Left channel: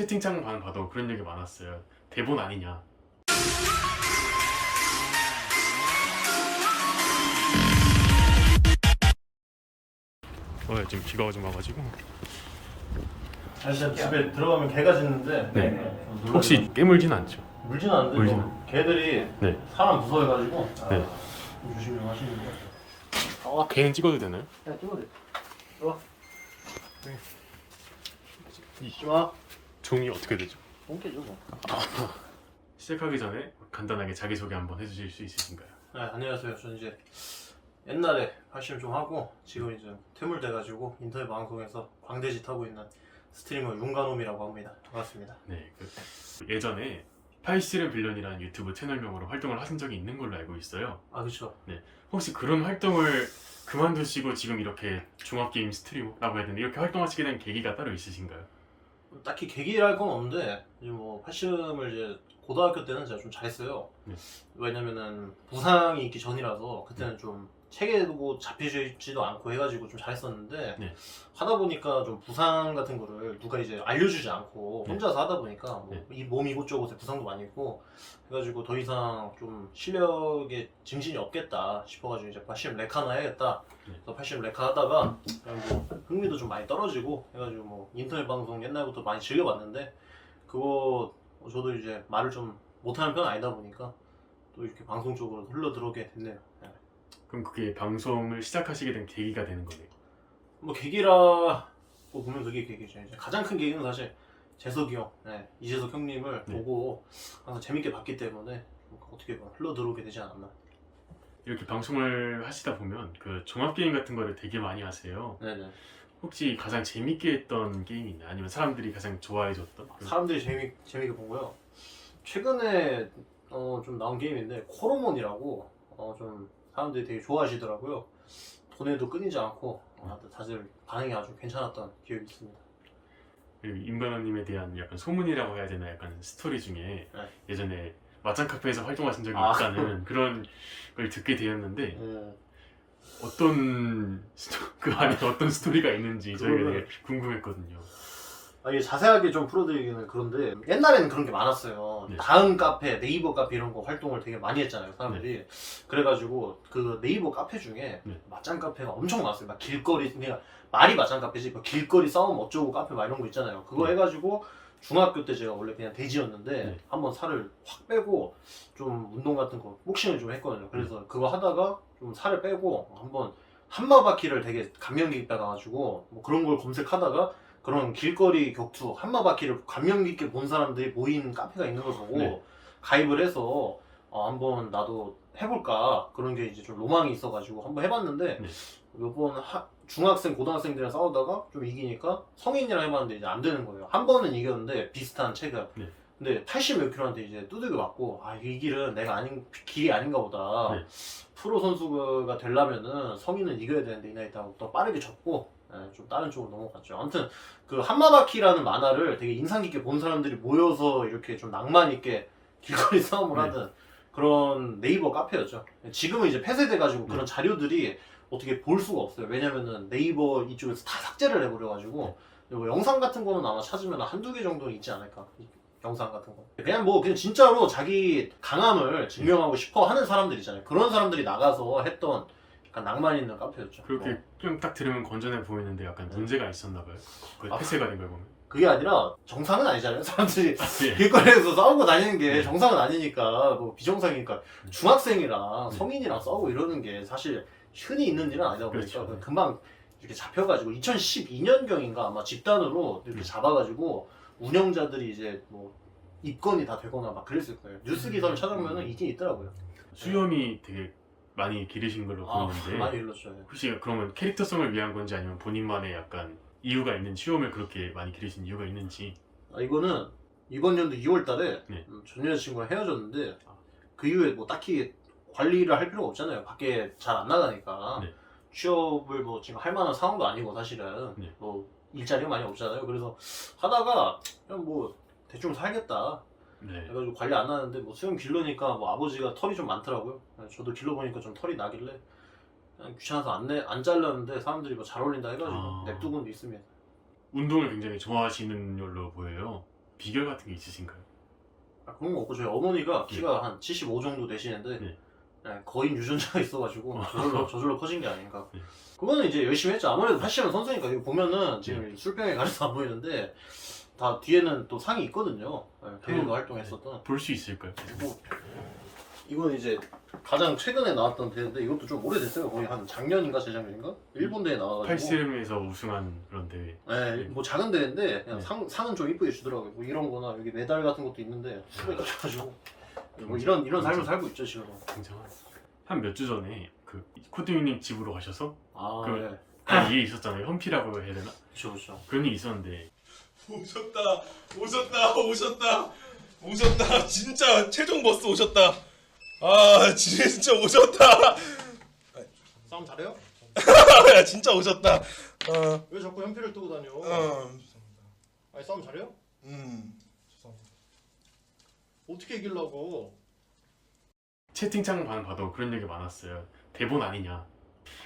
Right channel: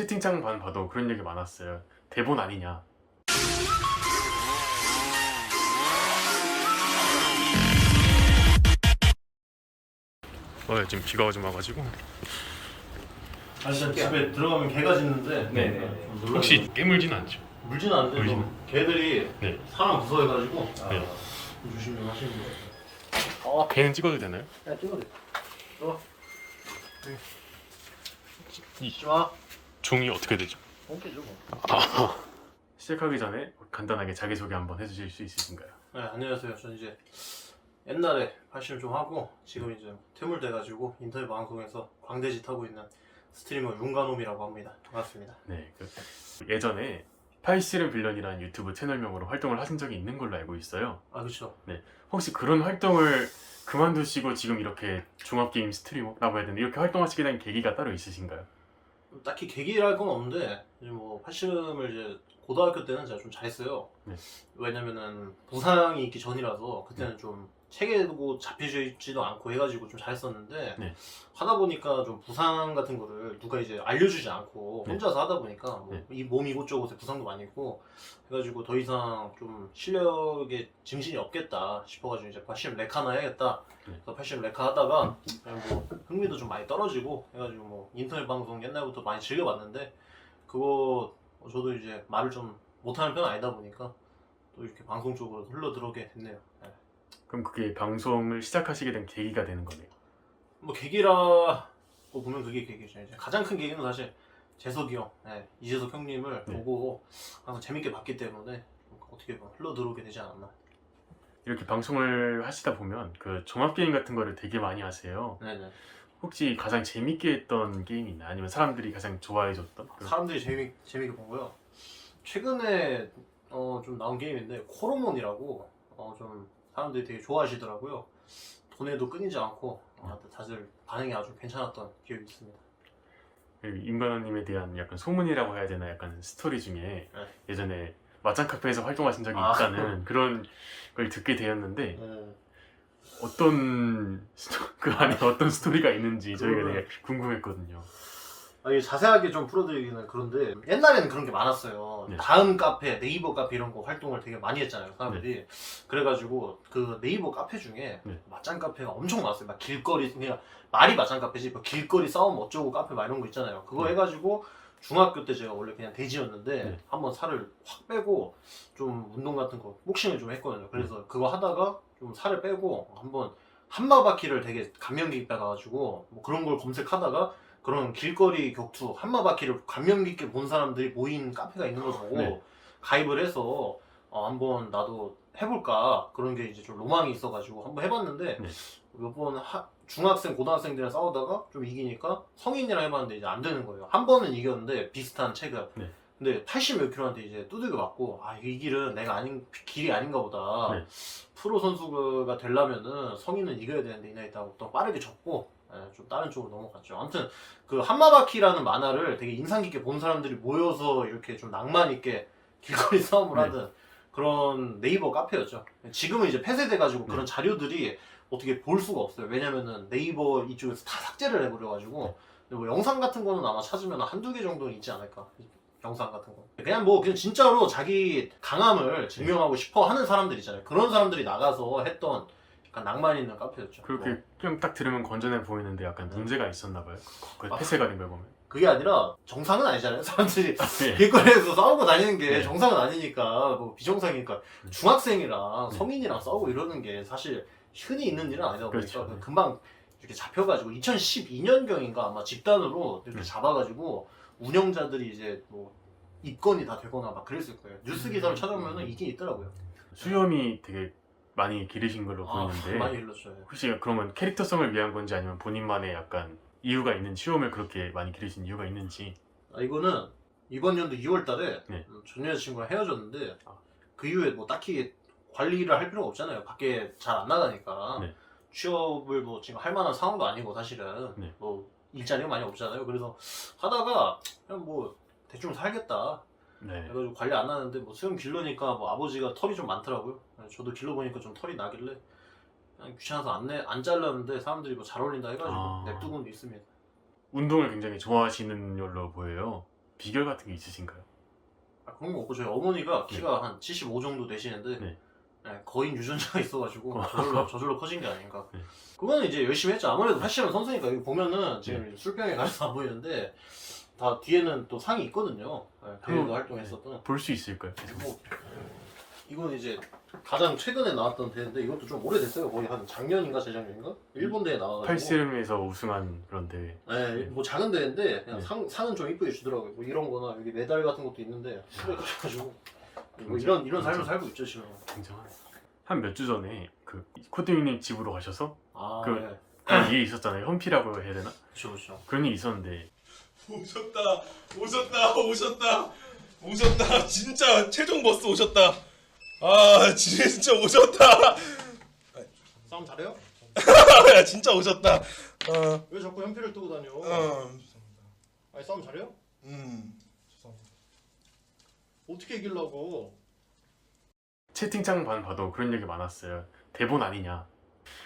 채팅창만 봐도 그런 얘기 많았어요. 대본 아니냐. 지금 비가 좀 와가지고. 아저씨 집에 들어가면 개가 짖는데 네. 좀 놀라요. 혹시 깨물지는 않죠? 물지는 않는데 물지는- 좀 개들이 네. 사람 무서워해가지고 네. 좀 조심 좀 하시는 거. 걔는 찍어도 되나요? 야 찍어도 돼. 좋아. 이 좋아. 종이 어떻게 되죠? 똥개죠 뭐. 시작하기 전에 간단하게 자기소개 한번 해주실 수 있으신가요? 네 안녕하세요. 저는 이제 옛날에 발심 좀 하고 지금 이제 퇴물돼가지고 인터넷 방송에서 광대짓 하고 있는 스트리머 윤가놈이라고 합니다. 반갑습니다. 네. 예전에 파이시르 빌런이라는 유튜브 채널명으로 활동을 하신 적이 있는 걸로 알고 있어요. 아 그렇죠. 혹시 그런 활동을 그만두시고 지금 이렇게 종합게임 스트리머라고 해야 되나 이렇게 활동하시게 된 계기가 따로 있으신가요? 딱히 계기랄 건 없는데 이제 뭐 팔심을 이제 고등학교 때는 제가 좀 잘했어요. 네. 왜냐면은 부상이 있기 전이라서 그때는 좀 체계도 잡히지도 않고 해가지고 좀 잘했었는데 네. 하다 보니까 좀 부상 같은 거를 누가 이제 알려주지 않고 네. 혼자서 하다 보니까 뭐 네. 이 몸 이곳저곳에 부상도 많이 있고 해가지고 더 이상 좀 실력에 증신이 없겠다 싶어가지고 이제 팔심 레카나 해야겠다. 네. 그래서 팔심 레카 하다가 그냥 뭐 흥미도 좀 많이 떨어지고 해가지고 뭐 인터넷 방송 옛날부터 많이 즐겨봤는데 그거 저도 이제 말을 좀 못하는 편은 아니다 보니까 또 이렇게 방송 쪽으로 흘러 들어오게 됐네요. 네. 그럼 그게 방송을 시작하시게 된 계기가 되는 거네요. 뭐 계기라고 보면 그게 계기죠. 이제 가장 큰 계기는 사실 재석이 형, 네, 이재석 형님을 네. 보고 항상 재밌게 봤기 때문에 어떻게 보면 흘러 들어오게 되지 않았나. 이렇게 방송을 하시다 보면 그 종합게임 같은 거를 되게 많이 하세요. 네네. 혹시 가장 재밌게 했던 게임이나 아니면 사람들이 가장 좋아해줬던 그런- 사람들이 재밌게 본 거요. 최근에 좀 나온 게임인데 코로몬이라고 좀 사람들이 되게 좋아하시더라고요. 돈에도 끊이지 않고 다들 반응이 아주 괜찮았던 기억이 있습니다. 그 임관원님에 대한 약간 소문이라고 해야 되나 약간 스토리 중에 네. 예전에 맞짱 카페에서 활동하신 적이 아. 있다는 그런 걸 듣게 되었는데 음. 어떤 스토리가 있는지 저희가 그거는- 되게 궁금했거든요. 이게 자세하게 좀 풀어드리기는 그런데 옛날에는 그런 게 많았어요. 네. 다음 카페, 네이버 카페 이런 거 활동을 되게 많이 했잖아요, 사람들이. 그래가지고 그 네이버 카페 중에 네. 맞짱 카페가 엄청 많았어요. 막 길거리, 그냥 말이 맞짱 카페지, 뭐 길거리 싸움 어쩌고 카페 막 이런 거 있잖아요. 그거 네. 해가지고 중학교 때 제가 원래 그냥 돼지였는데 네. 한번 살을 확 빼고 좀 운동 같은 거, 복싱을 좀 했거든요. 그래서 그거 하다가 좀 살을 빼고 한번 한마바퀴를 되게 감명 깊게 가가지고 뭐 그런 걸 검색하다가 그런 길거리 격투 한마바퀴를 감명 깊게 본 사람들이 모인 카페가 있는 걸 보고 네. 가입을 해서 한번 나도 해볼까 그런 게 이제 좀 로망이 있어가지고 한번 해봤는데 네. 요번 중학생 고등학생들이랑 싸우다가 좀 이기니까 성인이랑 해봤는데 이제 안 되는 거예요. 한 번은 이겼는데 비슷한 체급. 네. 근데 80 몇 킬로한테 이제 두들겨 맞고 이 길은 내가 길이 아닌가 보다. 네. 프로 선수가 되려면은 성인은 이겨야 되는데 이 나이 때 하고 또 빠르게 졌고 좀 다른 쪽으로 넘어갔죠. 아무튼 그 한마바퀴라는 만화를 되게 인상 깊게 본 사람들이 모여서 이렇게 좀 낭만 있게 길거리 싸움을 네. 하던 그런 네이버 카페였죠. 지금은 이제 폐쇄돼가지고 그런 자료들이 어떻게 볼 수가 없어요. 왜냐면은 네이버 이쪽에서 다 삭제를 해버려가지고 뭐 영상 같은 거는 아마 찾으면 한두 개 정도는 있지 않을까. 영상 같은 거. 그냥 진짜로 자기 강함을 증명하고 싶어 하는 사람들 있잖아요. 그런 사람들이 나가서 했던 약간 낭만 있는 카페였죠. 그렇게 뭐. 그냥 딱 들으면 건전해 보이는데 약간 네. 문제가 있었나 봐요. 그 폐쇄가 된 걸 보면. 그게 아니라 정상은 아니잖아요. 사람들이 네. 길거리에서 싸우고 다니는 게 네. 정상은 아니니까 뭐 비정상이니까 중학생이랑 네. 성인이랑 싸우고 이러는 게 사실 흔히 있는 일은 아니다 보니까 그렇죠. 금방 이렇게 잡혀가지고 2012년경인가 아마 집단으로 이렇게 잡아가지고 운영자들이 이제 뭐 입건이 다 되거나 막 그랬을 거예요. 뉴스 기사를 찾아보면은 있긴 있더라고요. 수염이 되게 많이 기르신 걸로 보이는데 많이 일렀죠. 혹시 그러면 캐릭터성을 위한 건지 아니면 본인만의 약간 이유가 있는 수염을 그렇게 많이 기르신 이유가 있는지. 이거는 이번 연도 2월달에 네. 전 여자친구랑 헤어졌는데 그 이후에 뭐 딱히 관리를 할 필요가 없잖아요. 밖에 잘 안 나가니까 네. 취업을 뭐 지금 할 만한 상황도 아니고 사실은 네. 뭐 일자리가 많이 없잖아요. 그래서 하다가 그냥 뭐 대충 살겠다 네. 해가지고 관리 안 하는데 뭐 수염 길러니까 뭐 아버지가 털이 좀 많더라고요. 저도 길러보니까 좀 털이 나길래 그냥 귀찮아서 안 잘랐는데 사람들이 뭐 잘 어울린다 해가지고 냅두고는 있습니다. 운동을 굉장히 좋아하시는 걸로 보여요. 비결 같은 게 있으신가요? 그런 거 없고 저희 어머니가 키가 한 75 정도 되시는데 네. 거인 유전자가 있어가지고 저절로 커진 게 아닌가. 네. 그거는 이제 열심히 했죠. 아무래도 패션 선수니까. 이거 보면은 지금 술병에 가려서 안 보이는데 다 뒤에는 또 상이 있거든요. 대회도 활동했었던. 볼 수 있을까요? 뭐 이건 이제 가장 최근에 나왔던 대회인데 이것도 좀 오래됐어요. 거의 한 작년인가 재작년인가? 일본 대회 나와가지고. 8CM에서 우승한 그런 대회. 네, 뭐 작은 대회인데 그냥 상은 좀 이쁘게 주더라고요. 뭐 이런 거나 여기 메달 같은 것도 있는데 술에 꽂혀가지고 뭐 이런 삶을 살고 있죠 지금. 굉장한. 한 몇 주 전에 그 코트님 집으로 가셔서 그 네. 일이 있었잖아요. 현피라고 해야 되나? 그렇죠. 그런 일이 있었는데 오셨다 진짜 최종 버스 오셨다. 아 진짜 오셨다. 싸움 잘해요? 야 진짜 오셨다. 왜 자꾸 현피를 뜨고 다녀? 아니 싸움 잘해요? 죄송합니다. 어떻게 이기려고? 채팅창만 봐도 그런 얘기 많았어요. 대본 아니냐.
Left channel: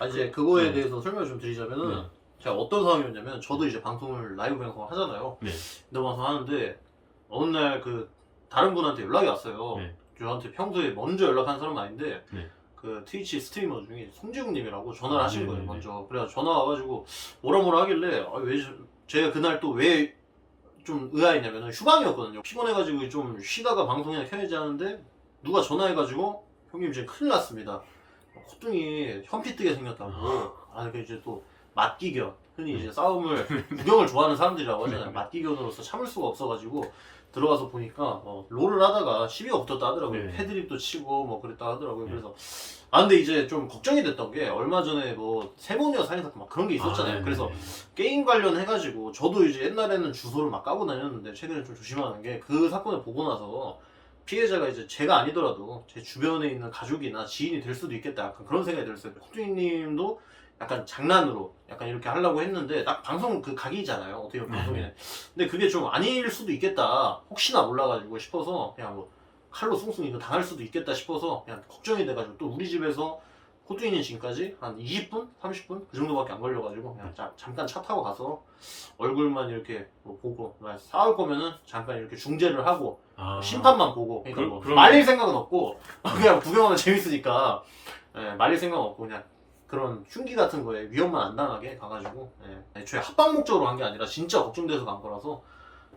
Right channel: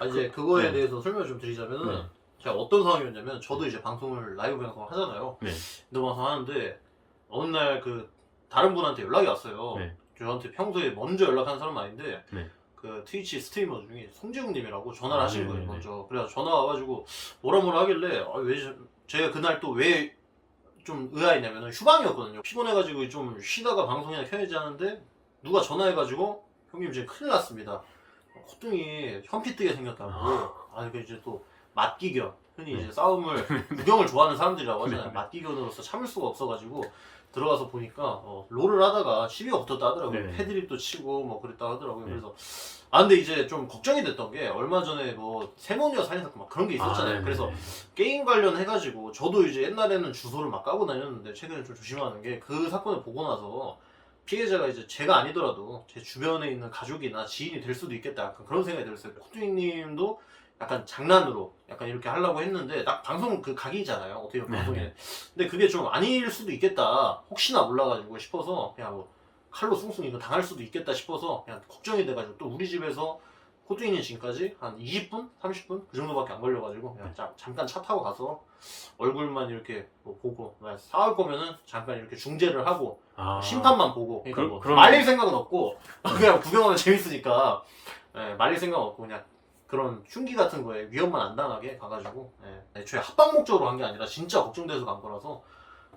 이제 그거에 네. 대해서 설명을 좀 드리자면은 네. 제가 어떤 상황이었냐면 저도 이제 방송을 라이브 방송을 하잖아요. 네. 인도 방송 하는데 어느 날 그 다른 분한테 연락이 왔어요. 네. 저한테 평소에 먼저 연락하는 사람은 아닌데 네. 그 트위치 스트리머 중에 송지웅님이라고 전화를 하신 거예요. 네네네. 먼저. 그래서 전화 와가지고 뭐라 하길래 왜 제가 그날 또 왜 좀 의아했냐면 휴방이었거든요. 피곤해가지고 좀 쉬다가 방송이나 켜야지 하는데 누가 전화해가지고 형님 이제 큰일 났습니다. 콧등이 현피 뜨게 생겼다고. 그 이제 또 맞기견. 흔히 이제 싸움을 구경을 좋아하는 사람들이라고 하잖아요. 맞기견으로서 참을 수가 없어가지고 들어가서 보니까 롤을 하다가 시비가 붙었다 하더라고요. 네. 패드립도 치고 뭐 그랬다 하더라고요. 네. 그래서 근데 이제 좀 걱정이 됐던 게 얼마 전에 뭐 세모니아 살인 사건 막 그런 게 있었잖아요. 네. 그래서 게임 관련해가지고 저도 이제 옛날에는 주소를 막 까고 다녔는데 최근에 좀 조심하는 게 그 사건을 보고 나서 피해자가 이제 제가 아니더라도 제 주변에 있는 가족이나 지인이 될 수도 있겠다. 약간 그런 생각이 들었어요. 코트님도 약간 장난으로 약간 이렇게 하려고 했는데 딱 방송 그 각이잖아요. 어떻게 보면 방송에. 근데 그게 좀 아닐 수도 있겠다. 혹시나 몰라가지고 싶어서 그냥 뭐 칼로 숭숭 이거 당할 수도 있겠다 싶어서 그냥 걱정이 돼가지고 또 우리 집에서 코트님 지금까지 한 20분? 30분? 그 정도밖에 안 걸려가지고 그냥 잠깐 차 타고 가서 얼굴만 이렇게 뭐 보고 싸울 거면은 잠깐 이렇게 중재를 하고 심판만 보고 그러니까 뭐 말릴 생각은 없고 그냥 구경하면 재밌으니까 말릴 생각은 없고 그냥 그런 흉기 같은 거에 위험만 안 당하게 가가지고 애초에 합방 목적으로 간 게 아니라 진짜 걱정돼서 간 거라서.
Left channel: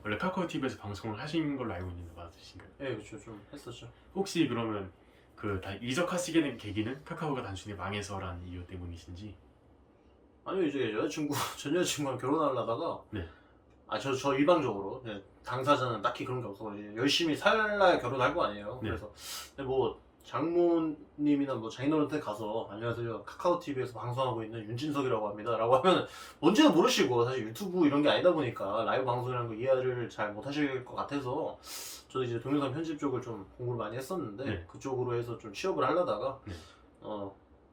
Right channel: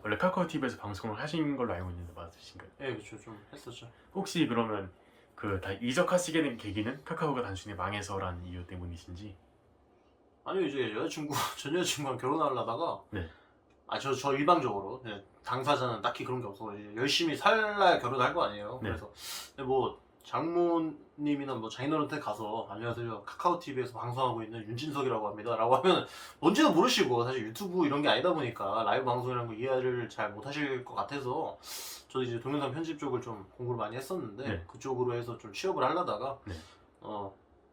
원래 카카오 TV에서 방송을 하신 걸로 알고 있는데 맞으신가요? 네, 그렇죠. 좀 했었죠. 혹시 그러면 그 다 이적하시게 된 계기는 카카오가 단순히 망해서란 이유 때문이신지? 아니 이제 전 여자친구랑 결혼하려다가 네. 저 일방적으로 당사자는 딱히 그런 게 없어. 이제 열심히 살라야 결혼할 거 아니에요. 네. 그래서 뭐 장모님이나 뭐 장인어른한테 가서 안녕하세요 카카오 TV에서 방송하고 있는 윤진석이라고 합니다라고 하면 뭔지도 모르시고 사실 유튜브 이런 게 아니다 보니까 라이브 방송이라는 거 이해를 잘 못하실 것 같아서 저도 이제 동영상 편집 쪽을 좀 공부를 많이 했었는데 네. 그쪽으로 해서 좀 취업을 하려다가 네.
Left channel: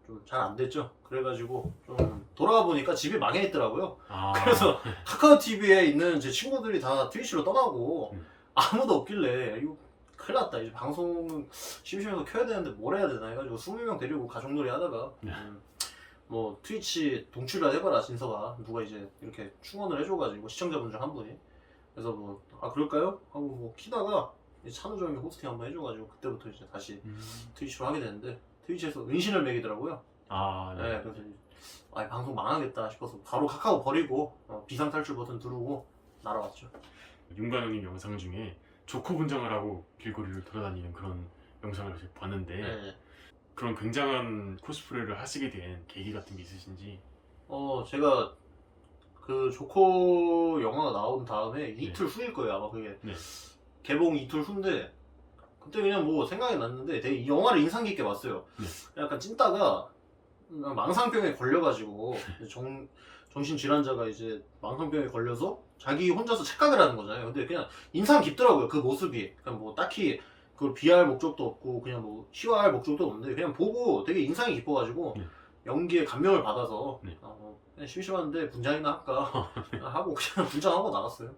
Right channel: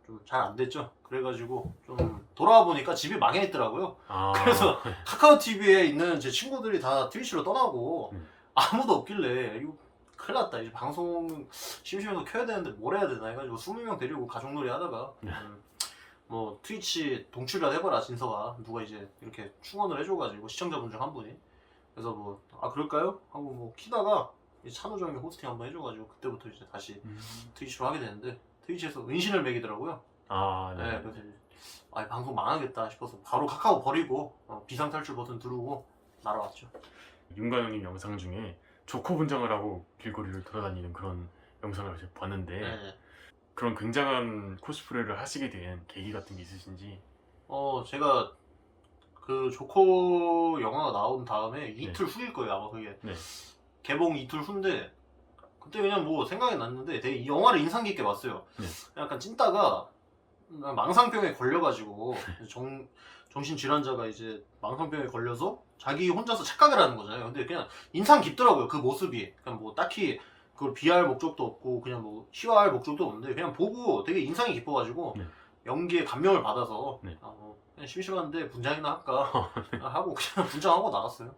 좀 잘 안 됐죠. 그래가지고 좀 돌아와 보니까 집이 망해 있더라고요. 아, 그래서 카카오 TV에 있는 제 친구들이 다 트위치로 떠나고 아무도 없길래 이거 큰일 났다. 이제 방송 심심해서 켜야 되는데 뭘 해야 되나 해가지고 20명 데리고 가족놀이 하다가 뭐 트위치 동출이라 해봐라 진서가 누가 이제 이렇게 충원을 해줘가지고 시청자분 중 한 분이 그래서 뭐 그럴까요? 하고 뭐 키다가 찬우정이 호스팅 한번 해줘가지고 그때부터 이제 다시 트위치로 하게 되는데 트위치에서 은신을 매기더라고요. 네. 그래서 방송 망하겠다 싶어서 바로 카카오 버리고 비상탈출 버튼 누르고 날아왔죠. 윤관영님 영상 중에 조커 분장을 하고 길거리를 돌아다니는 그런 영상을 봤는데 네. 그런 굉장한 코스프레를 하시게 된 계기 같은 게 있으신지? 제가 그 조커 영화가 나온 다음에 이틀 후일 거예요 아마 그게. 네. 개봉 이틀 후인데 그때 그냥 뭐 생각이 났는데 되게 이 영화를 인상 깊게 봤어요. 네. 약간 찐따가 망상병에 걸려가지고 정신질환자가 이제 망상병에 걸려서 자기 혼자서 착각을 하는 거잖아요. 근데 그냥 인상 깊더라고요 그 모습이. 그냥 뭐 딱히 그걸 비하할 목적도 없고 그냥 뭐 희화할 목적도 없는데 그냥 보고 되게 인상이 깊어가지고 연기에 감명을 받아서 그냥 심심한데 분장이나 할까 하고 그냥 분장하고 나갔어요.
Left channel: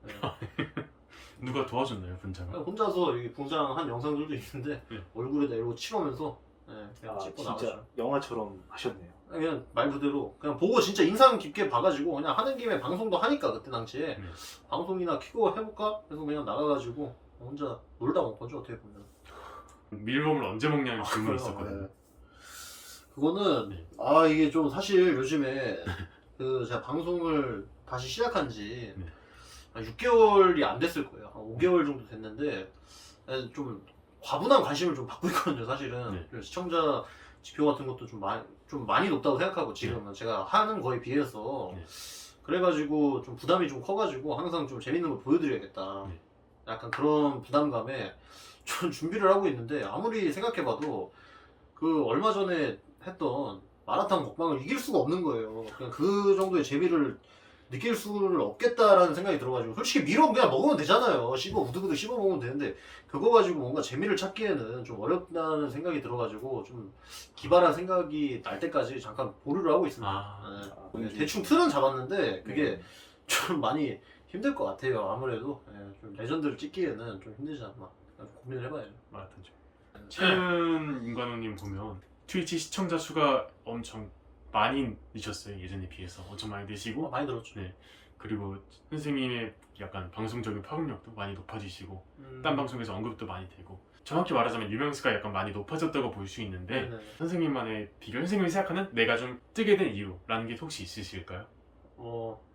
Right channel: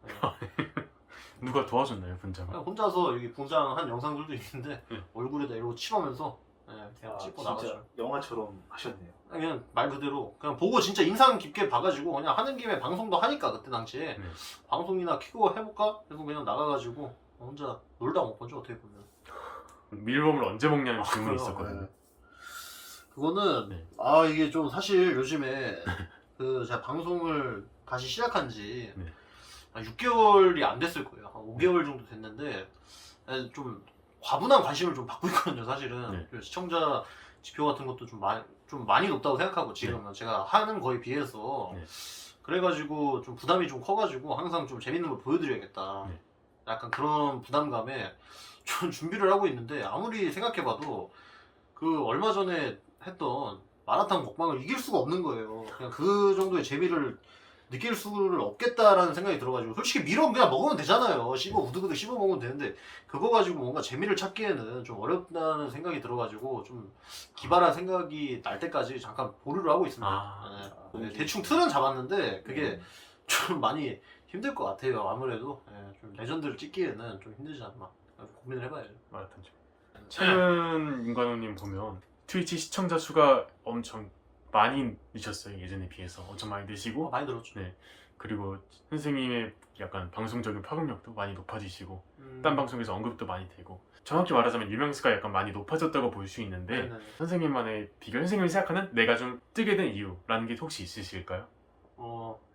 누가 도와줬나요 분장을? 혼자서 여기 분장한 영상들도 있는데 얼굴에다 이러고 칠하면서 그냥 찍고 진짜 나갔죠. 영화처럼 하셨네요. 그냥 말 그대로 그냥 보고 진짜 인상 깊게 봐가지고 그냥 하는 김에 방송도 하니까 그때 당시에 방송이나 키고 해볼까 해서 그냥 나가가지고 혼자 놀다 온 거죠 어떻게 보면. 밀웜을 언제 먹냐는 질문이 그래요. 있었거든요. 네. 그거는 네. 이게 좀 사실 요즘에 그 제가 방송을 다시 시작한 지 네. 한 6개월이 안 됐을 거예요. 한 5개월 정도 됐는데 좀 과분한 관심을 좀 받고 있거든요. 사실은 네. 그 시청자 지표 같은 것도 좀 많이 높다고 생각하고 지금은 제가 하는 거에 비해서 네. 그래가지고 좀 부담이 좀 커가지고 항상 좀 재밌는 걸 보여드려야겠다. 네. 약간 그런 부담감에 좀 준비를 하고 있는데 아무리 생각해봐도 그 얼마 전에 했던 마라탕 먹방을 이길 수가 없는 거예요. 그냥 그 정도의 재미를 느낄 수를 없겠다라는 생각이 들어가지고 솔직히 밀어 그냥 먹으면 되잖아요. 우두부두 씹어 먹으면 되는데 그거 가지고 뭔가 재미를 찾기에는 좀 어렵다는 생각이 들어가지고 좀 기발한 생각이 날 때까지 잠깐 보류를 하고 있습니다. 네. 대충 틀은 잡았는데 그게 좀 많이 힘들 것 같아요. 아무래도 좀 레전드를 찍기에는 좀 힘들지 않나 고민을 해봐야죠. 마라톤 중. 최근 윤관호님 보면 트위치 시청자 수가 엄청 많이 늦었어요. 예전에 비해서 엄청 많이 늦시고 많이 들었죠. 네. 그리고 선생님의 약간 방송적인 파급력도 많이 높아지시고 딴 방송에서 언급도 많이 되고 정확히 말하자면 유명수가 약간 많이 높아졌다고 볼 수 있는데 네네. 선생님만의 비결, 선생님이 생각하는 내가 좀 뜨게 된 이유라는 게 혹시 있으실까요?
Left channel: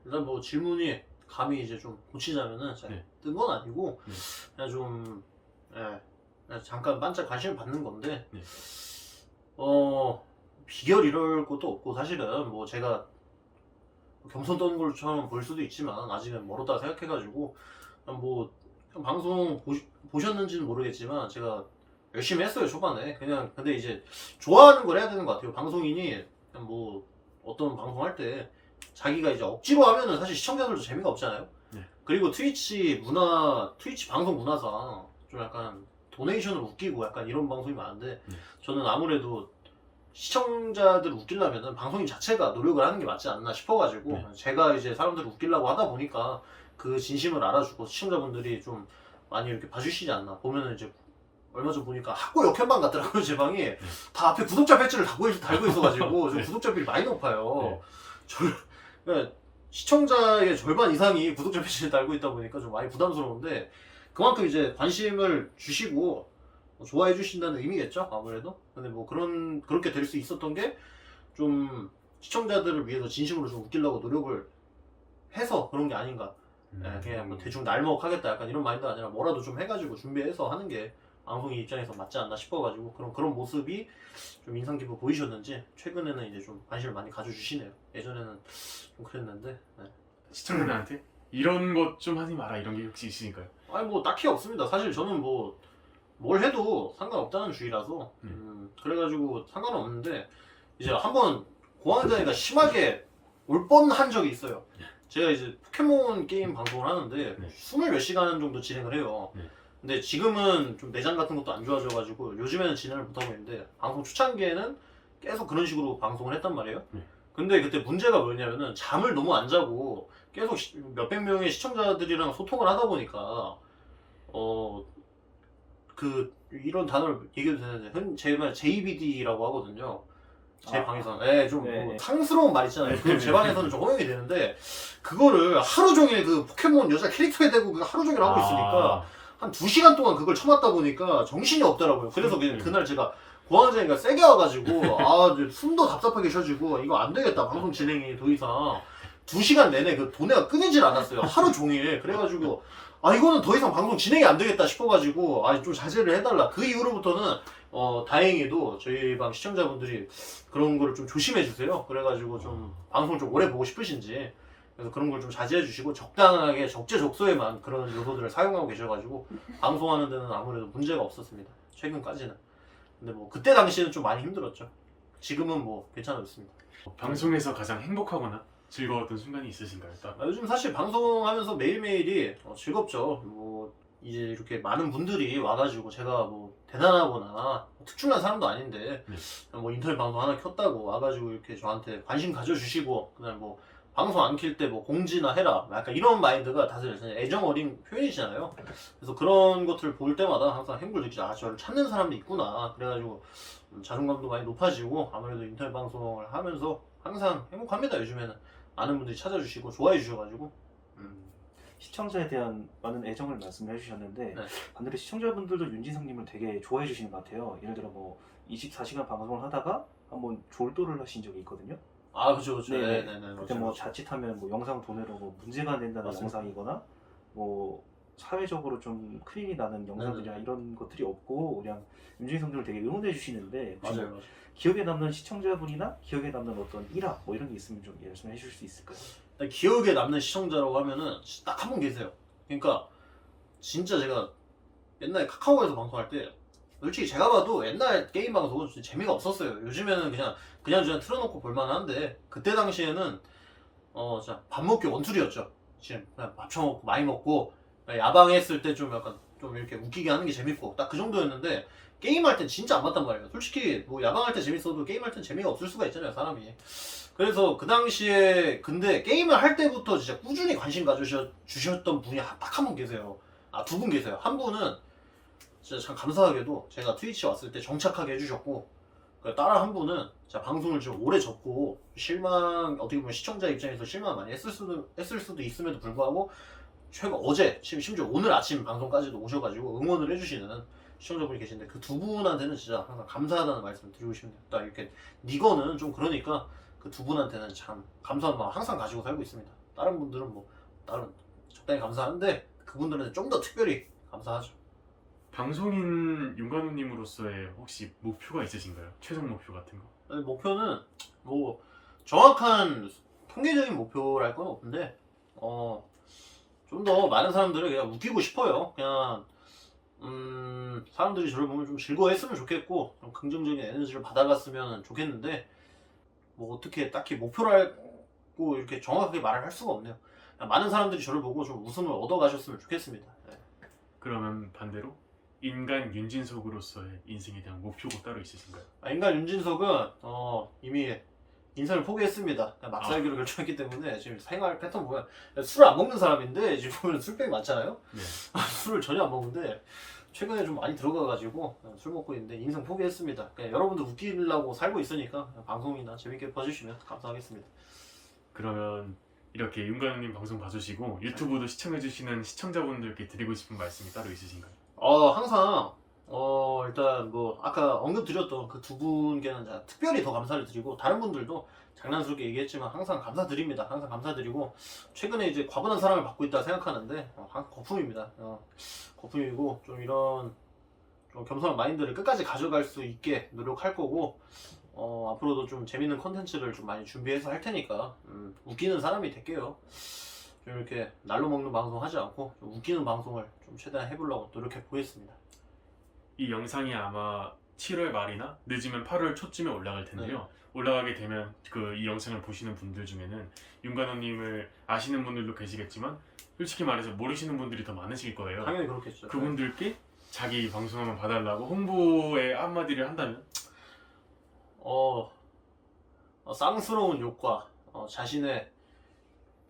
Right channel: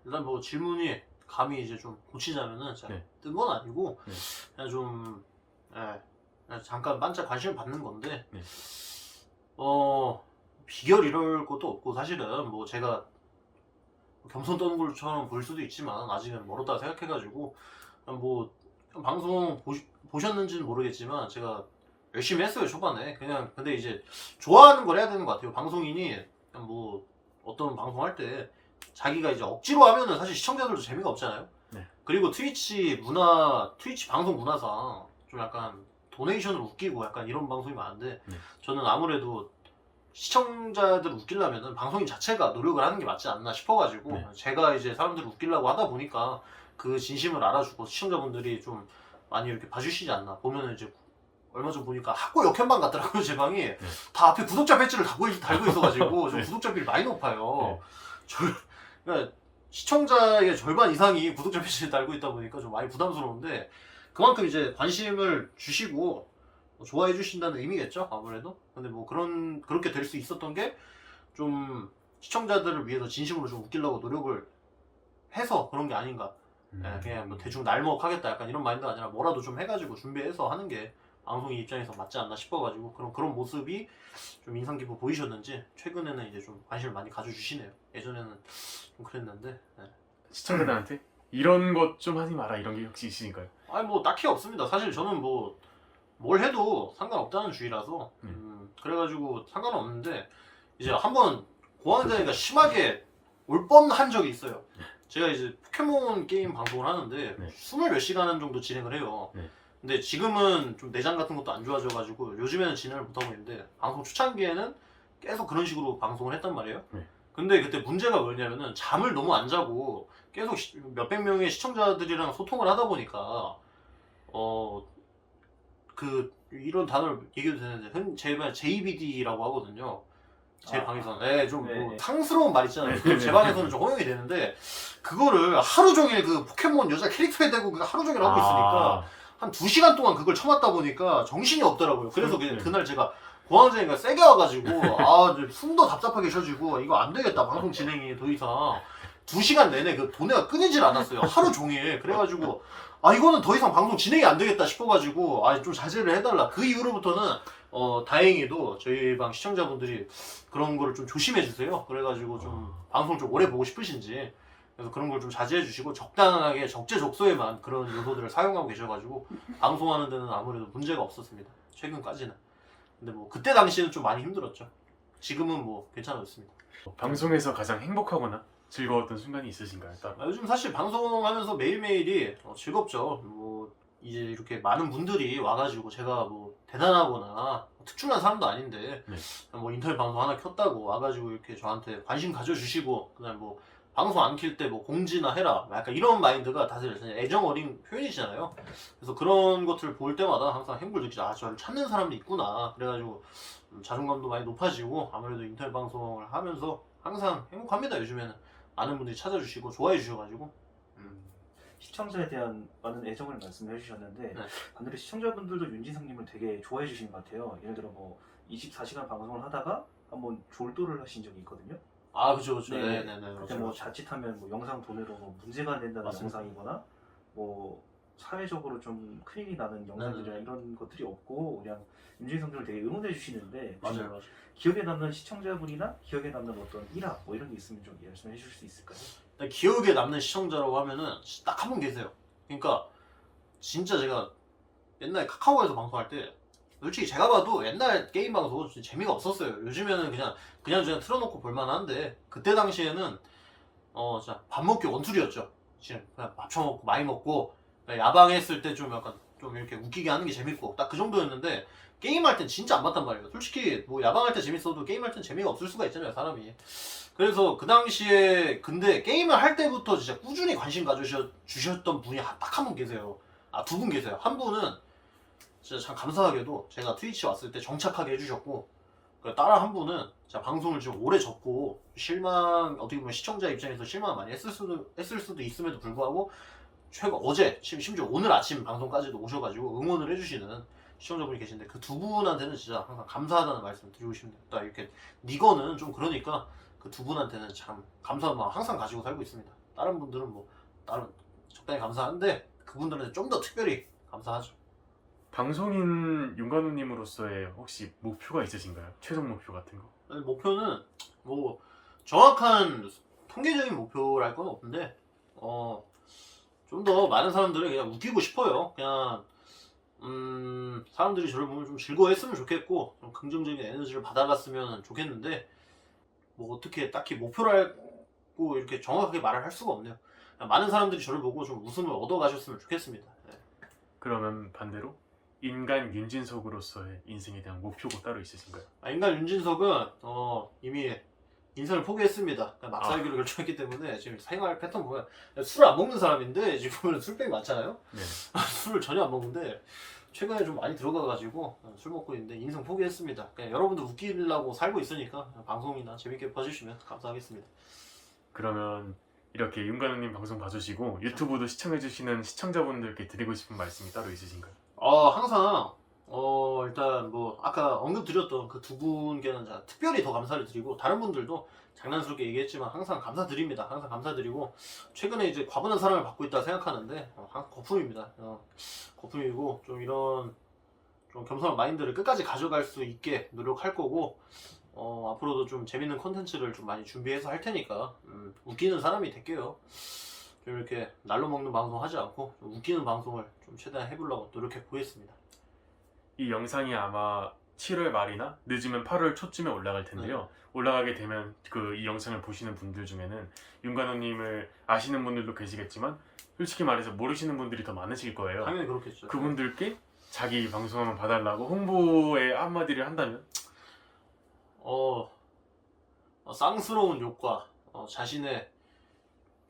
일단 뭐 질문이 감히 이제 좀 고치자면은 네. 뜬 건 아니고 네. 그냥 좀 그냥 잠깐 반짝 관심을 받는 건데 네. 비결 이럴 것도 없고 사실은 뭐 제가 겸손 떠는 것처럼 보일 수도 있지만 아직은 멀었다 생각해가지고 뭐 방송 보셨는지는 모르겠지만 제가 열심히 했어요 초반에. 그냥 근데 이제 좋아하는 걸 해야 되는 것 같아요. 방송인이 그냥 뭐 어떤 방송 할 때 자기가 이제 억지로 하면은 사실 시청자들도 재미가 없잖아요. 네. 그리고 트위치 방송 문화상 좀 약간 도네이션을 웃기고 약간 이런 방송이 많은데 저는 아무래도 시청자들 웃기려면은 방송인 자체가 노력을 하는 게 맞지 않나 싶어가지고 제가 이제 사람들을 웃기려고 하다 보니까 그 진심을 알아주고 시청자분들이 좀 많이 이렇게 봐주시지 않나. 보면은 이제 얼마 전 보니까 학고 역현방 같더라고요. 제 방이 다 앞에 구독자 배지를 달고 있어가지고 좀 구독자 비율이 많이 높아요. 그러니까 시청자의 절반 이상이 구독자 배지를 달고 있다 보니까 좀 많이 부담스러운데 그만큼 이제 관심을 주시고 좋아해 주신다는 의미겠죠 아무래도. 근데 뭐 그렇게 될 수 있었던 게 좀 시청자들을 위해서 진심으로 좀 웃기려고 노력을 해서 그런 게 아닌가. 그냥 뭐 대충 날먹하겠다 약간 이런 마인드가 아니라 뭐라도 좀 해가지고 준비해서 하는 게 방송인 입장에서 맞지 않나 싶어가지고 그런 모습이 좀 인상 깊어 보이셨는지 최근에는 이제 좀 관심을 많이 가져주시네요. 예전에는 좀 그랬는데. 시청자들한테 이런 것 좀 하지 마라 이런 게 혹시 있으니까요? 아니 뭐 딱히 없습니다. 사실 저는 뭐 뭘 해도 상관없다는 주의라서 그래가지고 상관은 없는데 이제 한번 공황장애가 심하게 올 뻔한 적이 있어요. 제가 이제 포켓몬 게임 방송을 하는데 20몇 시간 정도 진행을 해요. 근데 지금은 좀 내장 같은 것도 안 좋아져가지고 요즘에는 진행을 못하고 있는데 방송 초창기에는 계속 그런 식으로 방송을 했단 말이에요. 근데 그때 문제가 뭐였냐면은 잠을 너무 안 자고 계속 몇백 명의 시청자들이랑 소통을 하다 보니까 이런 단어를 얘기해도 되는데 제가 JBD라고 하거든요. 제 방에서는 좀 뭐 탕스러운 말 있잖아요. 그 제 방에서는 좀 허용이 되는데 그거를 하루 종일 그 포켓몬 여자 캐릭터에 대고 하루 종일 하고 있으니까 한 2시간 동안 그걸 참았다 보니까 정신이 없더라고요. 그래서 그날 제가 공황장애가 세게 와가지고 숨도 답답하게 쉬어지고 이거 안 되겠다 방송 진행이 더 이상 2시간 내내 그 도내가 끊이질 않았어요. 하루 종일. 그래가지고 이거는 더 이상 방송 진행이 안 되겠다 싶어가지고 좀 자제를 해달라. 그 이후로부터는 다행히도 저희 방 시청자분들이 그런 거를 좀 조심해 주세요. 그래가지고 좀 방송을 좀 오래 보고 싶으신지 그래서 그런 걸 좀 자제해 주시고 적당하게 적재적소에만 그런 요소들을 사용하고 계셔가지고 방송하는 데는 아무래도 문제가 없었습니다. 최근까지는. 근데 뭐 그때 당시에는 좀 많이 힘들었죠. 지금은 뭐 괜찮아졌습니다. 방송에서 가장 행복하거나 즐거웠던 순간이 있으신가요? 요즘 사실 방송하면서 매일매일이 즐겁죠. 뭐 이제 이렇게 많은 분들이 와가지고 제가 뭐 대단하거나 특출난 사람도 아닌데 뭐 인터넷 방송 하나 켰다고 와가지고 이렇게 저한테 관심 가져주시고 그다음 뭐 방송 안 킬 때 뭐 공지나 해라 약간 이런 마인드가 다들 애정 어린 표현이잖아요. 그래서 그런 것들을 볼 때마다 항상 행복을 느끼죠. 아, 저를 찾는 사람도 있구나. 그래가지고 자존감도 많이 높아지고 아무래도 인터넷 방송을 하면서 항상 행복합니다. 요즘에는 많은 분들이 찾아주시고 좋아해 주셔가지고 시청자에 대한 많은 애정을 말씀해 주셨는데 네. 반대로 시청자분들도 윤진성님을 되게 좋아해 주시는 것 같아요. 예를 들어 뭐 24시간 방송을 하다가 한번 졸도를 하신 적이 있거든요. 아 그죠. 네. 네네네. 그때 뭐 자칫하면 뭐 영상 도내로 뭐 문제가 안 된다는 맞습니다. 영상이거나 뭐 사회적으로 좀 큰일이 나는 영상들이나 네네. 이런 것들이 없고 그냥 윤진성님을 되게 응원해 주시는데 혹시 맞아요. 기억에 남는 시청자분이나 기억에 남는 어떤 일화 뭐 이런 게 있으면 좀 말씀해 주실 수 있을까요? 일단 기억에 남는 시청자라고 하면은 딱 한 분 계세요. 그러니까 진짜 제가 옛날에 카카오에서 방송할 때 솔직히 제가 봐도 옛날 게임 방송은 진짜 재미가 없었어요. 요즘에는 그냥 틀어놓고 볼만한데 그때 당시에는 진짜 밥 먹기 원툴이었죠. 지금 그냥 밥 처먹고 많이 먹고 야방했을 때 좀 약간 좀 이렇게 웃기게 하는 게 재밌고 딱 그 정도였는데 게임할 땐 진짜 안 맞단 말이에요. 솔직히 뭐 야방할 때 재밌어도 게임할 땐 재미가 없을 수가 있잖아요, 사람이. 그래서 그 당시에 근데 게임을 할 때부터 진짜 꾸준히 관심 가주셨던 분이 딱 한 분 계세요. 아, 두 분 계세요. 한 분은 진짜 참 감사하게도 제가 트위치 왔을 때 정착하게 해주셨고 다른 한 분은 제가 방송을 좀 오래 접고 어떻게 보면 시청자 입장에서 실망을 많이 했을 수도 있음에도 불구하고 어제 심지어 오늘 아침 방송까지도 오셔가지고 응원을 해주시는 시청자분이 계신데 그 두 분한테는 진짜 항상 감사하다는 말씀 드리고 싶네요. 딱 이렇게 니거는 좀 그러니까 그 두 분한테는 참 감사한 마음 항상 가지고 살고 있습니다. 다른 분들은 뭐 다른 적당히 감사한데 그분들한테 좀 더 특별히 감사하죠. 방송인 윤관우님으로서의 혹시 목표가 있으신가요? 최종 목표 같은 거? 아니, 목표는 뭐 정확한 통계적인 목표랄 건 없는데 좀 더 많은 사람들을 그냥 웃기고 싶어요. 그냥 사람들이 저를 보면 좀 즐거워했으면 좋겠고 좀 긍정적인 에너지를 받아갔으면 좋겠는데 뭐 어떻게 딱히 목표라고 이렇게 정확하게 말을 할 수가 없네요. 그냥 많은 사람들이 저를 보고 좀 웃음을 얻어가셨으면 좋겠습니다. 네. 그러면 반대로 인간 윤진석으로서의 인생에 대한 목표가 따로 있으신가요? 인간 윤진석은 이미 인생을 포기했습니다. 그냥 막 살기로 결정했기 때문에 지금 생활 패턴 보면 술을 안 먹는 사람인데 지금 보면 술병이 많잖아요. 네. 술을 전혀 안 먹는데 최근에 좀 많이 들어가가지고 술 먹고 있는데 인생 포기했습니다. 그냥 여러분들 웃기려고 살고 있으니까 방송이나 재밌게 봐주시면 감사하겠습니다. 그러면 이렇게 윤관우님 방송 봐주시고 유튜브도 시청해주시는 시청자분들께 드리고 싶은 말씀이 따로 있으신가요? 항상 일단 뭐 아까 언급드렸던 그 두 분께는 제가 특별히 더 감사를 드리고 다른 분들도 장난스럽게 얘기했지만 항상 감사드립니다. 항상 감사드리고 최근에 이제 과분한 사랑을 받고 있다 생각하는데 거품입니다. 거품이고 좀 이런 좀 겸손한 마인드를 끝까지 가져갈 수 있게 노력할 거고 앞으로도 좀 재밌는 컨텐츠를 좀 많이 준비해서 할 테니까 웃기는 사람이 될게요. 좀 이렇게 날로 먹는 방송 하지 않고 좀 웃기는 방송을 좀 최대한 해보려고 노력해 보겠습니다. 이 영상이 아마 7월 말이나 늦으면 8월 초쯤에 올라갈 텐데요. 올라가게 되면 이 영상을 보시는 분들 중에는 윤관우님을 아시는 분들도 계시겠지만 솔직히 말해서 모르시는 분들이 더 많으실 거예요. 당연히 그렇겠죠. 그분들께 자기 방송 한번 봐달라고 홍보의 한마디를 한다면? 쌍스러운 욕과 자신의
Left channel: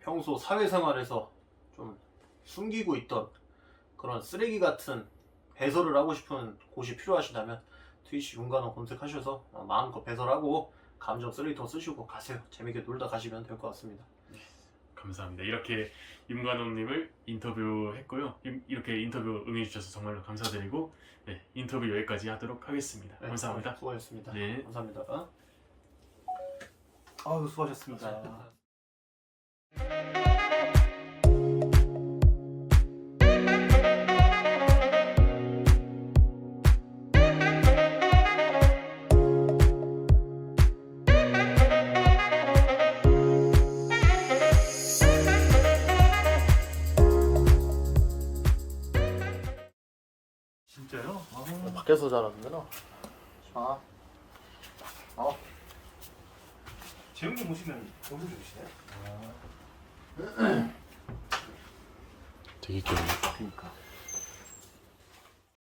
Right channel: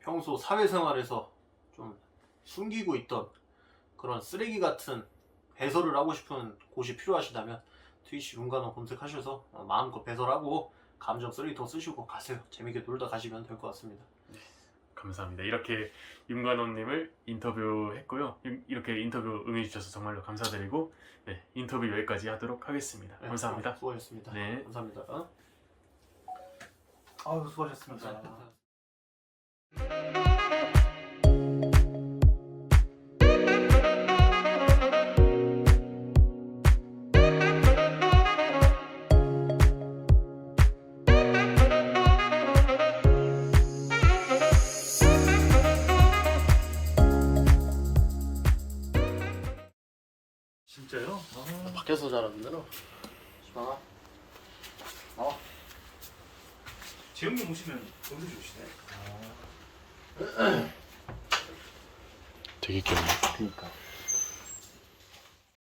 평소 사회생활에서 좀 숨기고 있던 그런 쓰레기 같은 배설을 하고 싶은 곳이 필요하시다면 트위치 윤관우 검색하셔서 마음껏 배설하고 감정 쓰레기통 쓰시고 가세요. 재밌게 놀다 가시면 될 것 같습니다. 감사합니다. 이렇게 윤관우님을 인터뷰했고요. 이렇게 인터뷰 응해주셔서 정말로 감사드리고 인터뷰 여기까지 하도록 하겠습니다. 네, 감사합니다. 수고하셨습니다. 네. 감사합니다. 아우 수고하셨습니다. 진짜요? 밖에서 자랐는데요. 재영님 오시면 동서 주시나요? 되게 귀엽네. 그니까.